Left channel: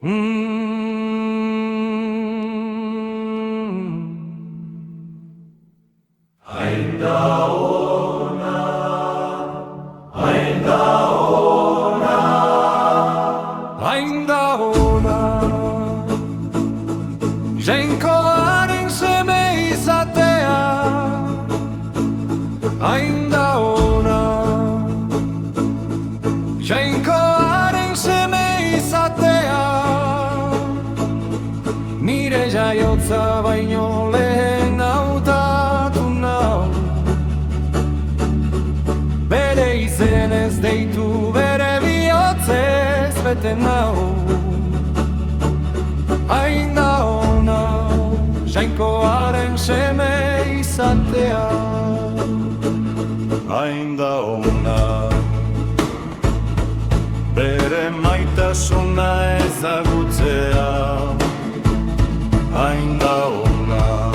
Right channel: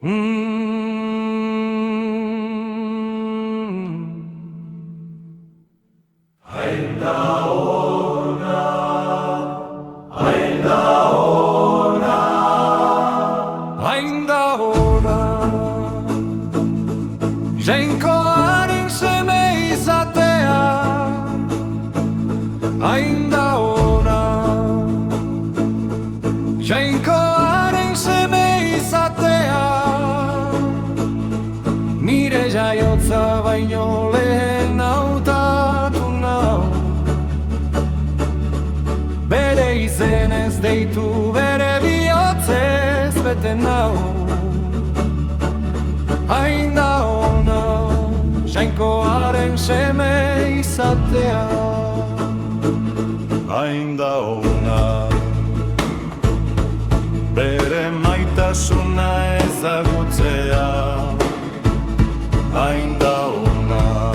Hain da ona, hain da ona, hain da ona, jainkoaren seme izatea, hain da ona, jainkoaren seme izatea, nire jaiotza baino lehen hautatu nau, bere izenez deitu, bere bihotzez bete nau. Hain da ona, jainkoaren seme izatea. hain da ona, bere maitasuna ezagutzea. Hain da ona,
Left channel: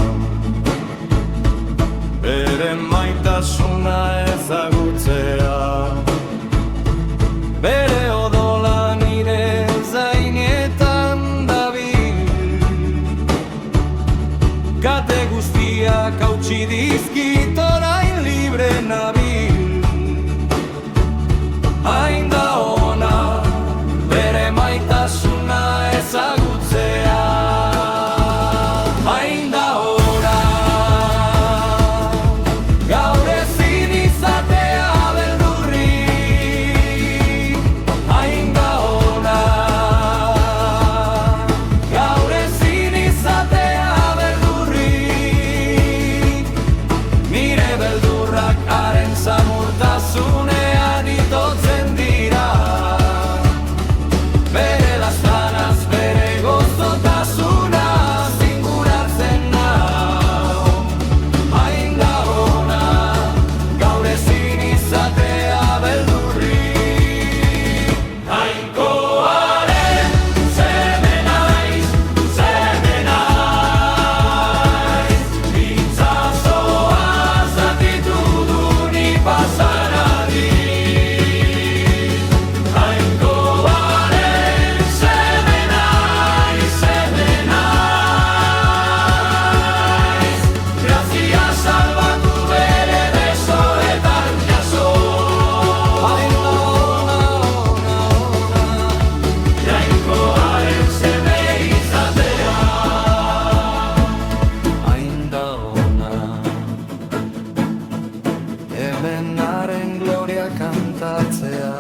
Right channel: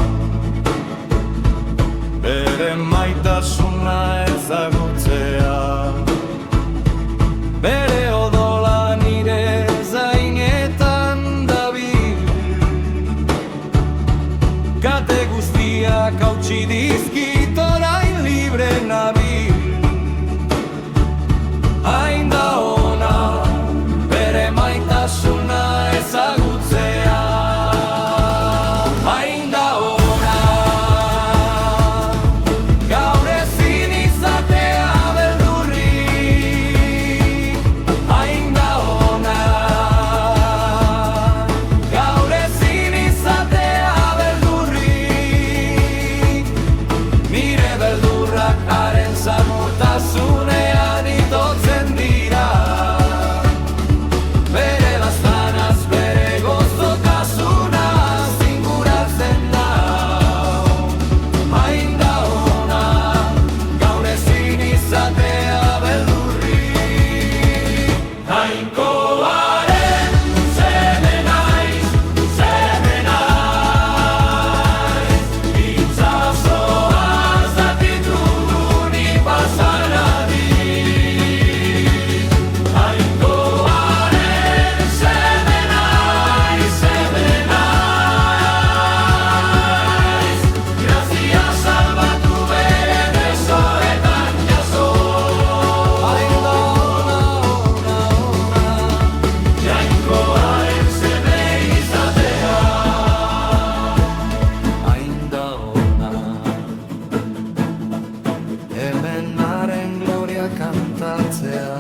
bere maitasuna ezagutzea. Bere odola nire zainetan dabil, kate guztiak hautsi dizkit orain libre nabil. Hain da ona, bere maitasuna ezagutzea. Hain da ona, gaur ezin izatea beldurrik. Hain da ona, gaur ezin izatea beldurrik. Nire beldurrak haren samurtasunean itotzen dira. Bere laztanaz, bere gozotasunaz inguratzen nau. Hain da ona, gaur ezin izatea beldurrik. Jainkoaren seme naiz, seme naiz. Itsasoa zatitu du ni pasan adin. Jainkoaren seme naiz, seme naiz. Grazia salbatu bere besoetan jaso. Hain da ona, ona, ona, jainkoaren seme izatea. Hain da ona, hemen haren gloria kantatzea.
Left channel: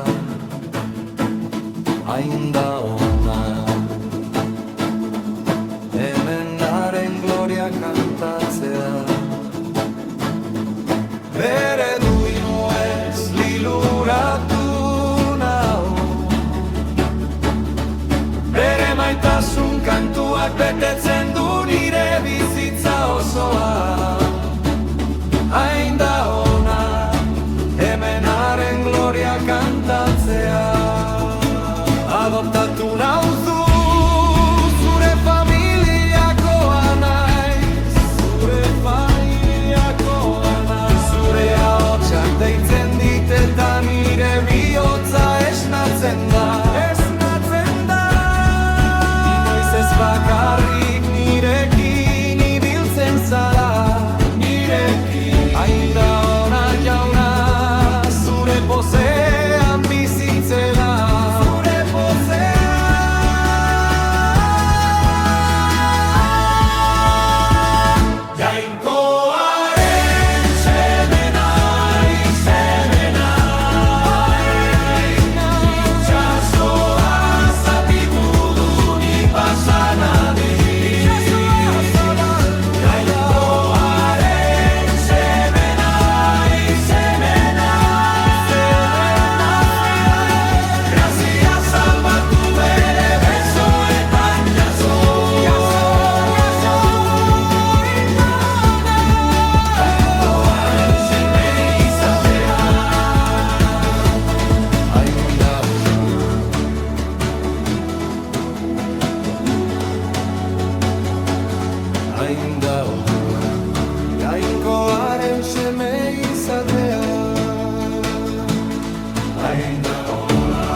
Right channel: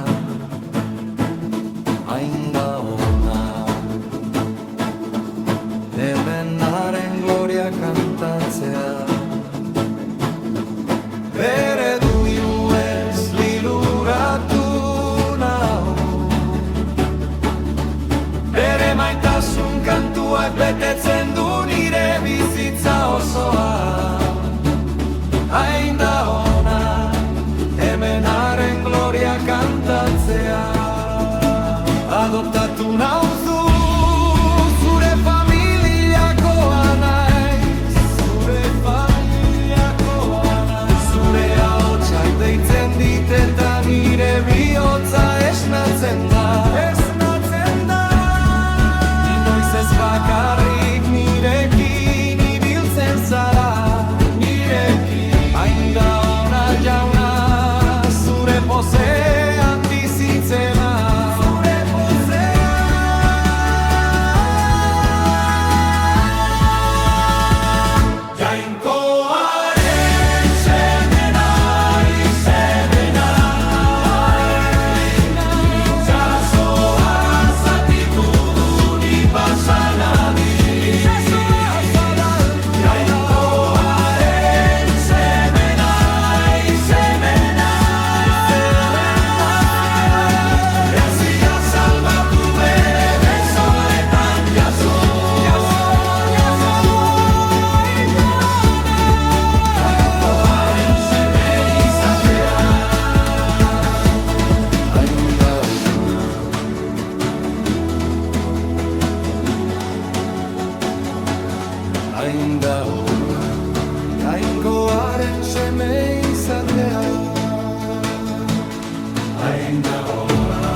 Hain da ona, hemen haren gloria kantatzea. Bere duinu ez liluratu nau, bere maitasun kantuak betetzen du nire bizitza osoa. Hain da ona, hemen haren gloria kantatzea. Adoptatu nauzu, zure familiakoa naiz, zure familiakoa naiz. Zure ahotsak deitzen dit eta nire bihotza esnatzen da, esnatzen da. Inoiz ez bakarrik nirekin ibiltzen zara, nirekin. Hain da ona jauna, zure pozean bizitzena, zure pozean. Jainkoaren seme naiz, seme naiz. Itsasoa zatitu du ni pasan adin. Itsasoa zabaldu da. Jainkoaren seme naiz, seme naiz. Grazia salbatu bere besoetan jaso. Jaso, jaso. Jainkoaren seme izatea. Hain da ona, hain da ona, jainkoaren seme izatea. Hain da ona.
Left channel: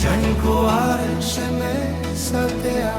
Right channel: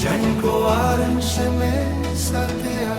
Jainkoaren seme izatea